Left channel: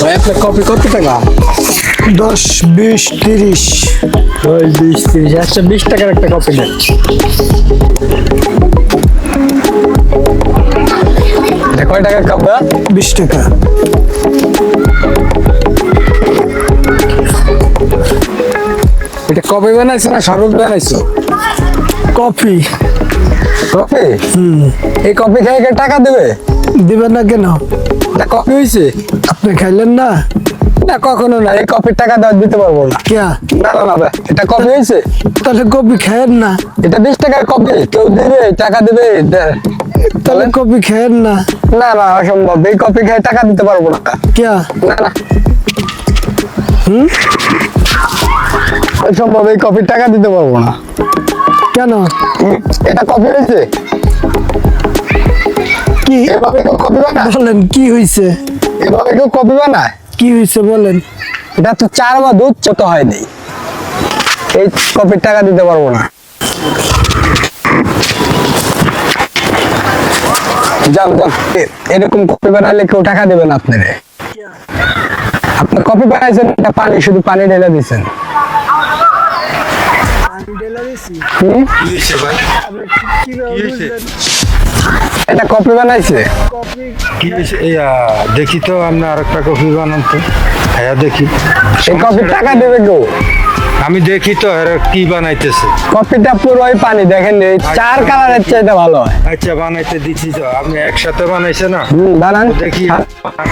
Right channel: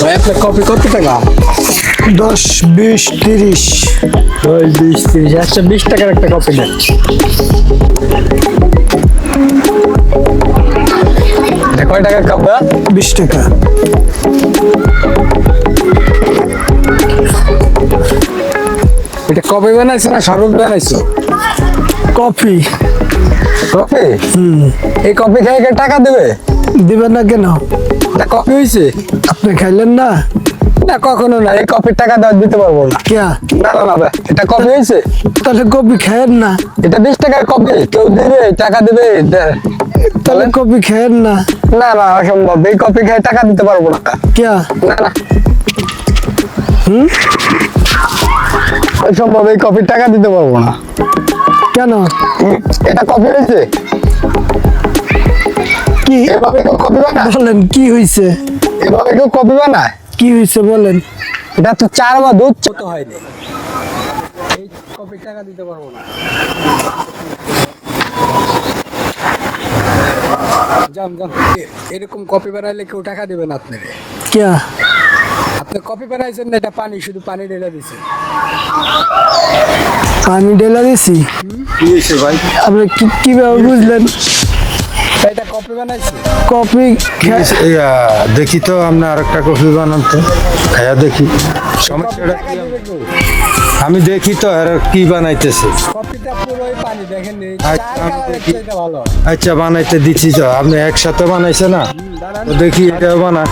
ভাই আপনার কপি কত টাকা? 10, 20, 30। ওই 20-30, আচ্ছা 20 টাকার একটা কপি দেন। এটা কয় টাকার কাপ? 20 টাকা। এটা কপি বানাইছো না শরবত বানাইছো? কফি। কপি? এই কপি খেয়ে কে টাকা দেবে? দিবেন না কেন? এটা কপি হয়েছে? আপনি খাইলেন না? না কখনো না, এই কপির টাকা দেওয়া দিতে পারবো না। কিয়া? না না না ভাই, এটা কপি হয়েছে? তাহলে কফি খায়েন না। এটা 20 টাকার কপি, কেউ দেবে টাকা দেবে? তাহলে কফি খায়েন না। না না অসম্ভব, এই কপি খেয়ে টাকা দিতে পারবো না। কিয়া? না না অসম্ভব, এই কপির টাকা দিতে পারবো না। কেন? এটা কপি হয়েছে? কি এভাবে কেউ কপি বানায়? বলেন, কি হইছে? এভাবে কেউ কপি বানায়? কি হইছে বলেন? এটা তো চার বা দুধ ছোট হয়নি, এই কপির টাকা দিতে পারবো না। যান যান, এরকম কপি বানাইলে কেউ টাকা দেবে না আপনারে। কিয়া? আপনার কপি বানাইছেন, এটা পানি, শুধু পানি ঢেলে দিচ্ছেন। পানি ঢেলে দিছি? আপনি কিভাবে বুঝলেন? এটা কপি বানাইছে? কফি দেখি তো আপনার আরেকটা কফি বানান তো, খাইয়া দেখি। এই কপি টাকা দেবে কেউ? আমি দেখি তো এরা কি বানাইতেছে। কপিটা পুরোই পানি, দেখেন এই চার কালারের চাইতে ভালো হয়। আচ্ছা বানাইতে দিচ্ছি তো, আপনি একসাথে বানাইছে না? বানান দেখি এটা বানান।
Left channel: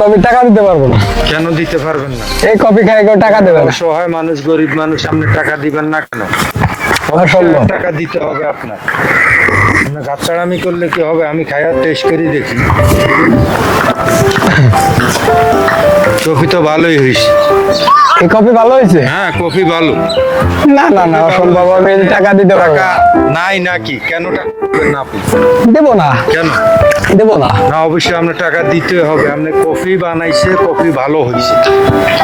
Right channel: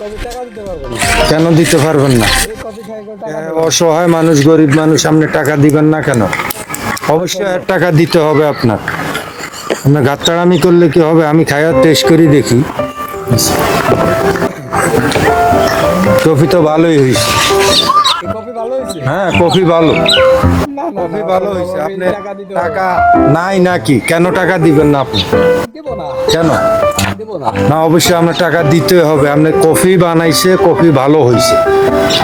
কপি টাকা দিতে পারবো না। কেন দিতে পারবেন না? এই কপি খাই কেউ টাকা দেবে না। অসহায় মানুষ, গরিব মানুষ, আপনি টাকা দিবেন না কেন? অবশ্যই অসম্ভব। টাকা দিতে হবে আপনার। না গাছড়ামি করলে কি হবে? আমি খাইয়া টেস্ট করি দেখি। কফি তো ভালোই হয়েছে। এই কপি ভালো হয়েছে? হ্যাঁ কফি ভালো। না না না অসম্ভব, আমি টাকা দিতে পারবো টাকা না। নাই নাকি? কেন টাকা দিবেন না আপনি? দেবো না, কেন? দেবো না। না অবশ্যই আপনার টাকা দিতে হবে। আপনি কফি বানাইছে, কফি ভালো হয়েছে,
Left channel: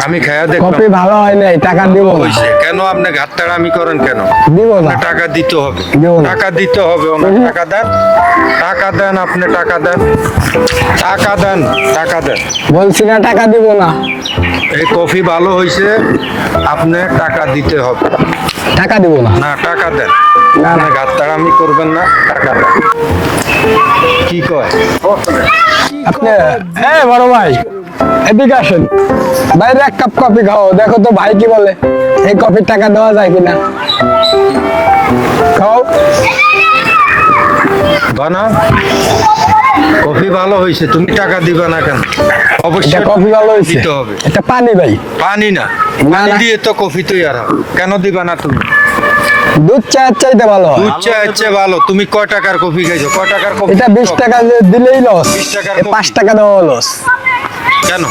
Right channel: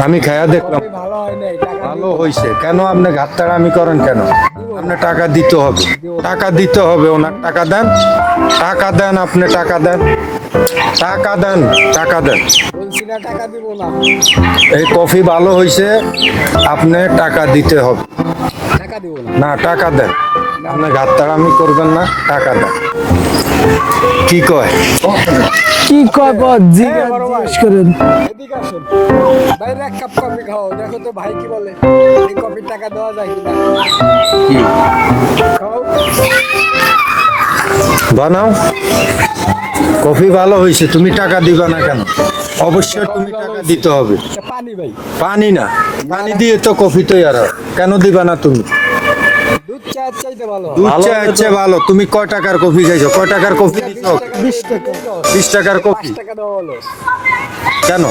আমি খাইয়া দেখলাম কপি ভালো হয় নাই, টাকা দিব না। হয়েছে। কেন আপনি ঘাটতাড়ামি করেন কেন? দিব না। আপনার টাকা দিতে হবে, দেবো না। টাকা দিতে হবে। ওনার টাকা দেন, টাকা দেন, আপনি টাকা দেন, টাকা দেন, টাকা দেন। বলছি না টাকা দিব না। এই কফি ভালো হয়েছে, আপনি টাকা দিতে হবে। টাকা দিব না। না টাকা দেন, আপনি ঘাটতাড়ামি করবেন না, টাকা দেন। কি কয়? কি খবর? হ্যাঁ বড় ভাই, করেন। এদিকে আসেন। বাইরে এক কাপ কফি খাও, দেখো তো ভাই কি বলে, এই কফির টাকা দেওয়া যায় কিনা। খাও। বানাও। কফি ভালো হয়েছে, তুমি টাকা দিবা না কেন? এটা অবশ্যই কফি ভালো হয়েছে? দিতে হবে। এটা পানি ভাই, পানি না, না, পানি না। দিয়ে তো কফি তৈরি হয়। কেন দিবা না তুমি? দুধ চায়ের চাইতে ভালো হয়। আচ্ছা আচ্ছা ভালো। তুমি কয় টাকার কফি খাইছো? কয় টাকার কফি? এটা 20 টাকা দিয়ে দিলেই লস। 20 টাকার কফি? 5 টাকা দেওয়া লস। কেন?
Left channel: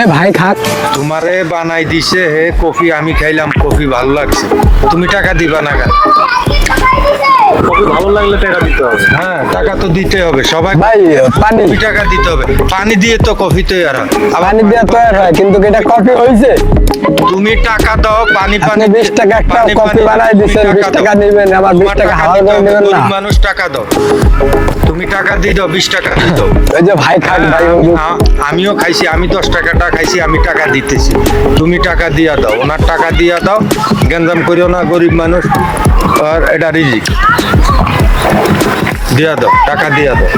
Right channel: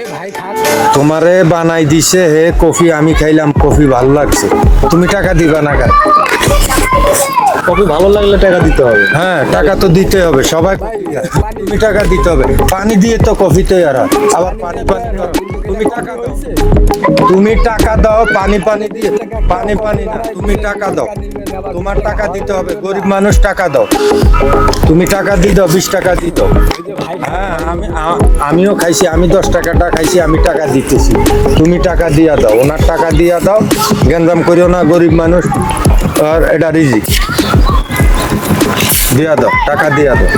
এ ভাই খাক। তোমারে বানাই দিছে হে কফি, আমি খাইলাম, কফি ভালো লাগছে, তুমি টাকা দিবা না কেন? কফি ভালো লাগলে টাকা দিতে হবে। হ্যাঁ টাকা তো দিতে হবে সবাই। ভাই পানি, কফি টাকা দিতে হবে, পানি দিয়ে তো কফি তৈরি হয়। পানি দিয়ে তৈরি হয়, কিন্তু এটা কফি হয়েছে। তুমি টাকা দাও, পানি পানি 20 টাকা একটা পানি কফি পানি বানাই তুমি দিচ্ছেন, 20 দাও। টাকা নেবেন, আবার 20 তোমার টাকা টাকা হাওয়া দিতে করে হবে, নেবেন না। গরিব মানুষ টাকা দাও। তুমি টাকা দিয়ে দাও, 20 টাকা দিয়ে দাও। ওই যে ভাই খাক ভাই, আমিও খাইছি, আমি 10 টাকাটা খাইছি, আমি টাকা দিতেছি, তুমি টাকা দিয়া দাও, ওনার টাকা দিয়া দাও। গেঞ্জাম করিও না, গরিব মানুষ, আর এটা রিজিক। দিয়া দাও, টাকা দিয়া দাও।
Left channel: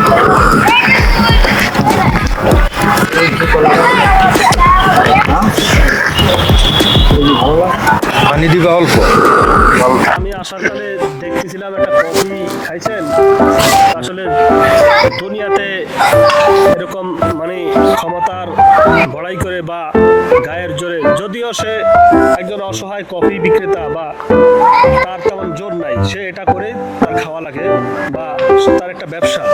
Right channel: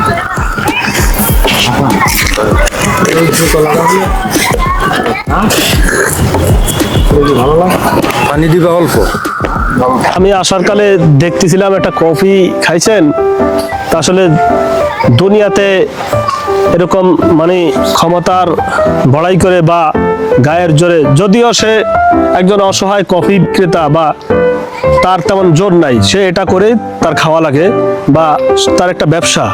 পানি দিবা অল্প। আমি আসার কালে দেখতেছিলাম একটা কফি খাইছেন, তা আসলে দুনিয়াতে এরকম মানে ক্ষমতার বড়াই করে বা গায়ের জোরে, যদিও সে একজন অসহায় কফি বিক্রেতা বা তার তেমন জোর নাই, সে এটা করেই তার খাওয়া লাগে বা তার একটা ব্যবসা।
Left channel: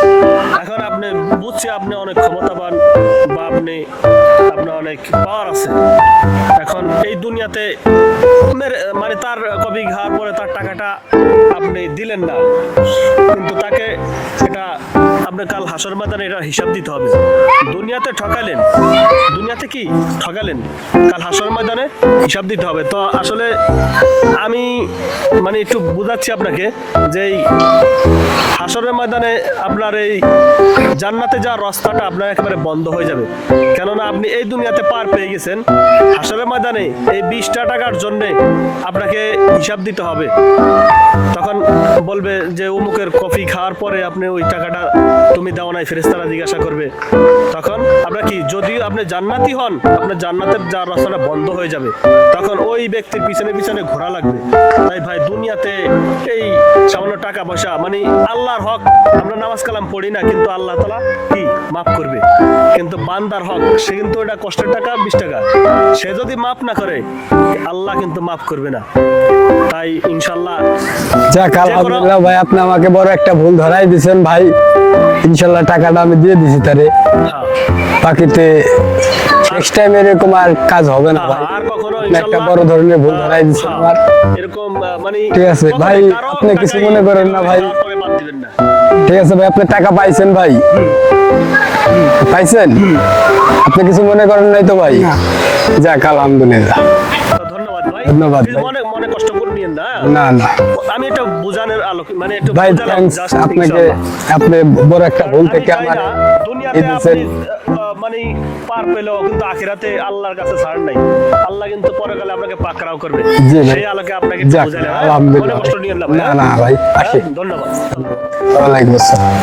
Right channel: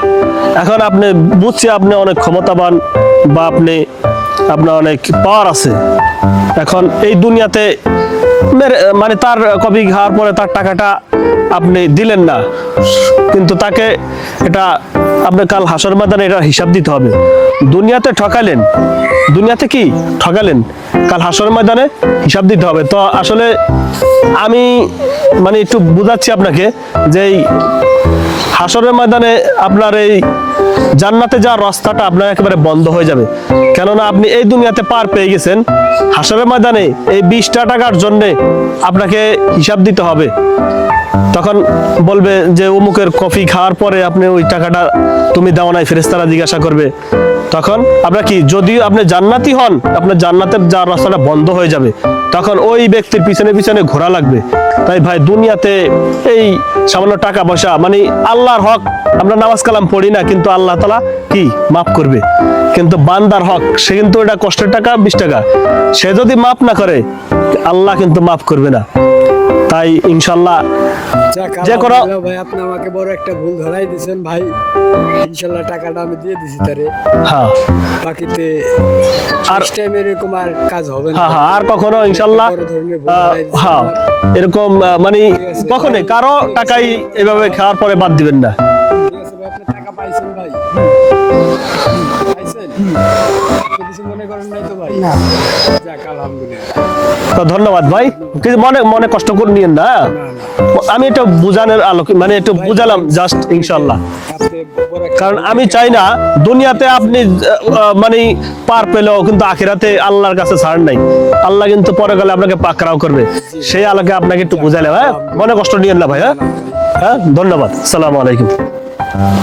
এখন আপনি বুঝছি আপনি অনেক ক্ষমতাবান বা আপনার অনেক পাওয়ার আছে। এখন এই দুনিয়াতে মানে তার কফি খাওয়ার পরে তার টাকাটা আপনি দিলেন না, কিন্তু তাকে এটা আপনার কাল হাসর ময়দানে এটা হিসাব দিতে হবে। দুনিয়াতে ঠকালেন, দুনিয়াতে কি ঠকালেন, কাল হাসর ময়দানে হিসাব দিতে হবে। তো আসলে আমি মানে একটু বুঝাচ্ছি আপনাকে যে এই হাসরের ময়দানে আপনার এই জান্নাতে যাওয়ার রাস্তাটা আপনার একেবারে বন্ধ হয়ে যাবে। কেননা আপনি এই দুনিয়াতে পার পেয়ে গেছেন, হাসরের ময়দানে এই 20টা টাকার জন্য আপনাকে হিসাব দিতে হবে। তখন বলবে যে অমুকের কফি খাওয়ার পরে আপনি ওই টাকাটা তুমি দাও নাই, ফেরেশতারা জিজ্ঞাসা করবে। তখন আপনার কি, যদি আপনি জান্নাতি হন, আপনার জান্নাতের যাওয়ার রাস্তাটা বন্ধ হয়ে যাবে, তখন ওই ব্যক্তির পিছনে পিছনে ঘোরা লাগবে। তাই ভাই দুনিয়াতে এই সামান্য টাকা পয়সা মানে আল্লাহর হক, আমরা নামাজ কালাম পড়ি না, কিন্তু আল্লাহ তাআলা কি মাফ করবে। কিন্তু বান্দার হক, সে কিন্তু এটা কষ্টের টাকা 20 টাকা, সে যদি মাফ না করে আল্লাহ কিন্তু মাফ করবে না। তাই ইনশাল্লাহ যাক আলহামদুলিল্লাহ ভাই, আপনি আমাকে বড় একটা ভুল ধরাই দিয়েছেন ভাই। ইনশাল্লাহ টাকাটা আমি দিয়ে দিছি তারে। হ্যাঁ বাকিতে নেক্সট টাইম এরকম আর কাজ হবে না। হ্যাঁ, আর কখনো ইনশাল্লাহ একটা বড় ধরনের ভুল ধরাই দিয়েছেন হ্যাঁ, আমার। এরকম মানে ঠিক আছে, কখনো ভাই, কারো আপনি কিছু টাকাই মনে করেন না এভাবে ভাই। খাওয়ার পরে বাদ দিবেন না। ঠিক আছে ভাই, আপনি টাকা পাইছেন ভাই? পাইছেন? আপনি কিছু মনে করেন নাই তো ভাই? যাক আলহামদুলিল্লাহ। তো ধন্যবাদ ভাই, ধন্যবাদ কিন্তু ভাই। মনে কষ্ট করে নিয়েন না। না না আমি এটা বুঝানোর আলোকে মানে একটু ভাই, বুঝালাম thanks জাস্ট আপনাকে। ইনশাআল্লাহ। আপনি বড় একটা কারণ ভুল আমি থেকে চাই না আমার দুনিয়াতে এই আপনি দেশে- মানে পার পেলেও কিন্তু আখিরাতে আল্লাহর কাছে ছাড় নাই। আল্লাহ কিন্তু পরে গেলে আপনাকে পাকড়াও করবে। জি ভাই। সেই আলোকে আপনাকে একটু যাক, বুঝাইলাম। হ্যাঁ, আলহামদুলিল্লাহ। মনে কষ্ট নিয়েন না ভাই। না হ্যাঁ? না ভাই, হ্যাঁ, ধন্যবাদ। আসসালামু আলাইকুম। ওয়ালাইকুম আসসালাম।